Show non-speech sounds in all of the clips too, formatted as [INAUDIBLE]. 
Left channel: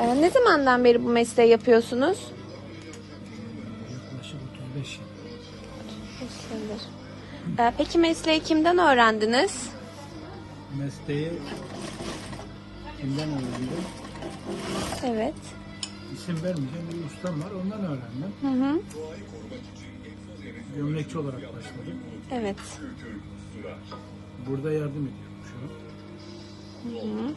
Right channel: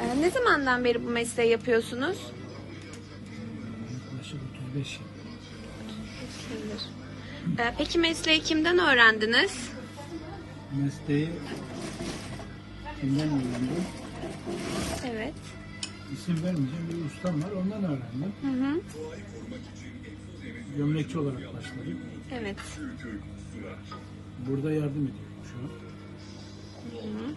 Ee, ne zamandan beri bu mesleği yapıyorsunuz? Yaklaşık 35 yıl. Ee, peki mesleği kimden öğrendiniz? Mesleği kimden öğrendim? Evet. İsim vermeyeceğim bir ustam var ondan öğrendim. Hı hı. Gömlekçi olarak başladım. Evet. Burada yardım ediyorum şu an. Hı hı.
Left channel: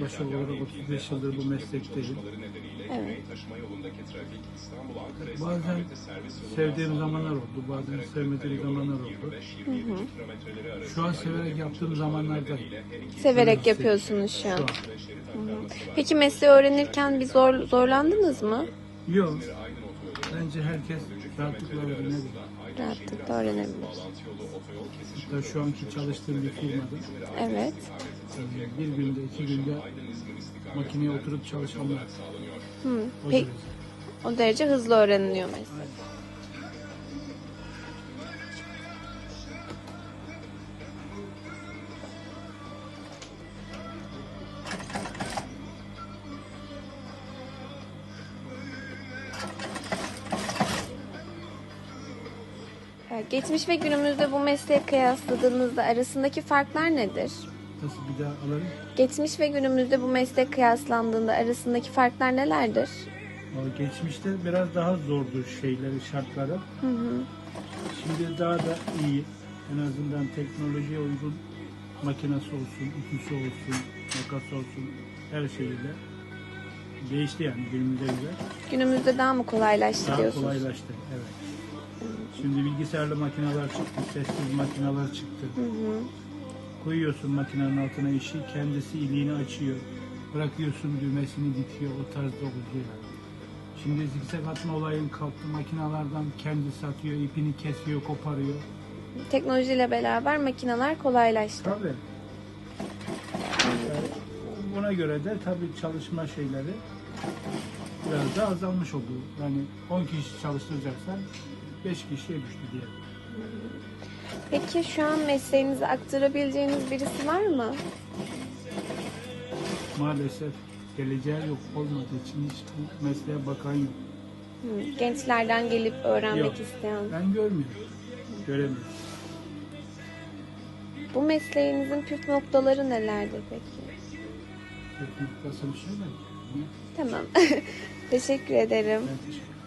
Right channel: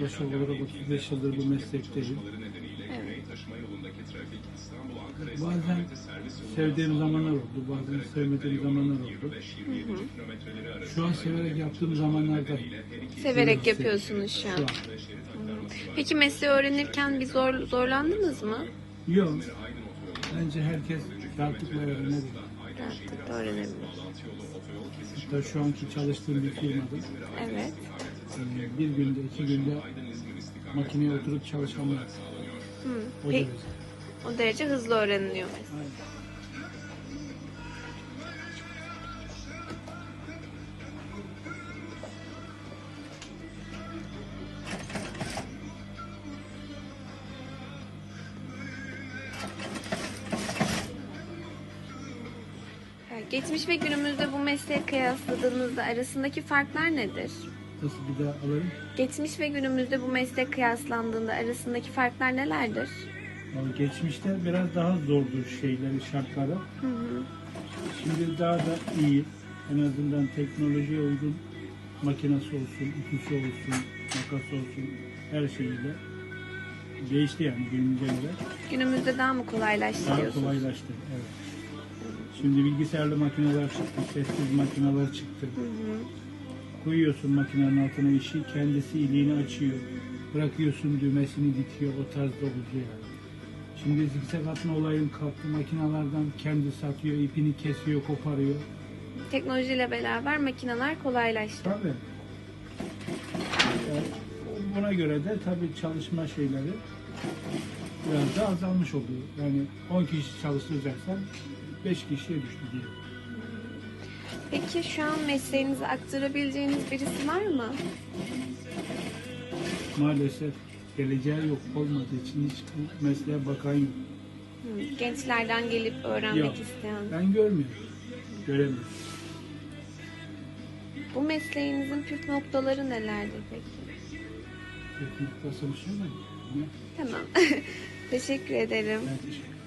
Yaklaşık olarak 35 yıldır bu meslekteyim. Evet. Bazen sevdiğim zamanlar oldu, bazen sevmediğim zamanlar oldu. Hı hı. Şu an severek yaptığım zamanlardayım. Severek yapıyorsunuz şu an. Şu an. Hı hı. Peki mesleği öğrenirken bir zor, zorlandınız mı? Yok. Bence herkes rahatlıkla öğrenebilir. Rahatlıkla öğrenebilir. Hatta şu anki çalıştığım bir firmada Evet. Bir günde, iki günde makineye oturup çalışanlar. Hı. o derece. o derece hızlı öğreniliyor. Aynen. Geçmiş ve günümüzde bu mesleği kıyasladığımızda arasındaki farklar nedir? Nasıl bir daha alırım? Geçmiş ve günümüzde bu meslek kıyaslandığında arasındaki farklar nelerdir? Geçmişte biraz daha zordu şeyleri, şartları. Hı hı. Şimdi daha da iyi. En azından teknolojiye uygun makinesi olsun, ütüsü olsun, makas olsun her şeyiyle değişti yani günümüze göre. Günümüzde daha mı kolaylaştı Daha diyorsunuz? kolaylaştı. Evet. Şimdi bilgisayarlı makineler çıktı, sessiz makineler çıktı. Hı hı. Koyuyorsun makinenin altına işi, kendisi iliğini açıyor. Bırakıyorsun düğmesini dikiyor, o tarzda oluyor yani. Şimdi zikzak atma olayın kalktı makinelerden kendisi atıyor, ipini kesiyor, koparıyor. Teknolojiyle beraber makineler kolaylaştı. Tabii. Yani buna göre de tabii çalışma şeyleri biraz da azalmış oldu. Yani 10 kişi çalıştıracaksan 5 kişiye düştü diye. Peki şu an mesleğinizi aktarabileceğiniz birisi var mı? Maalesef geleceği yok olmadığı için hiç bu mesleğe bakan yok. Hı, Gençlerden gelip öğrenmek Yok. isteyen. Ben görmüyorum. Göremiyorum. Bu mesleğinizin püf noktaları nelerdir peki? Bir noktasını söyledim. Tamam. [LAUGHS] Teşekkür ederim. Ben teşekkür ederim.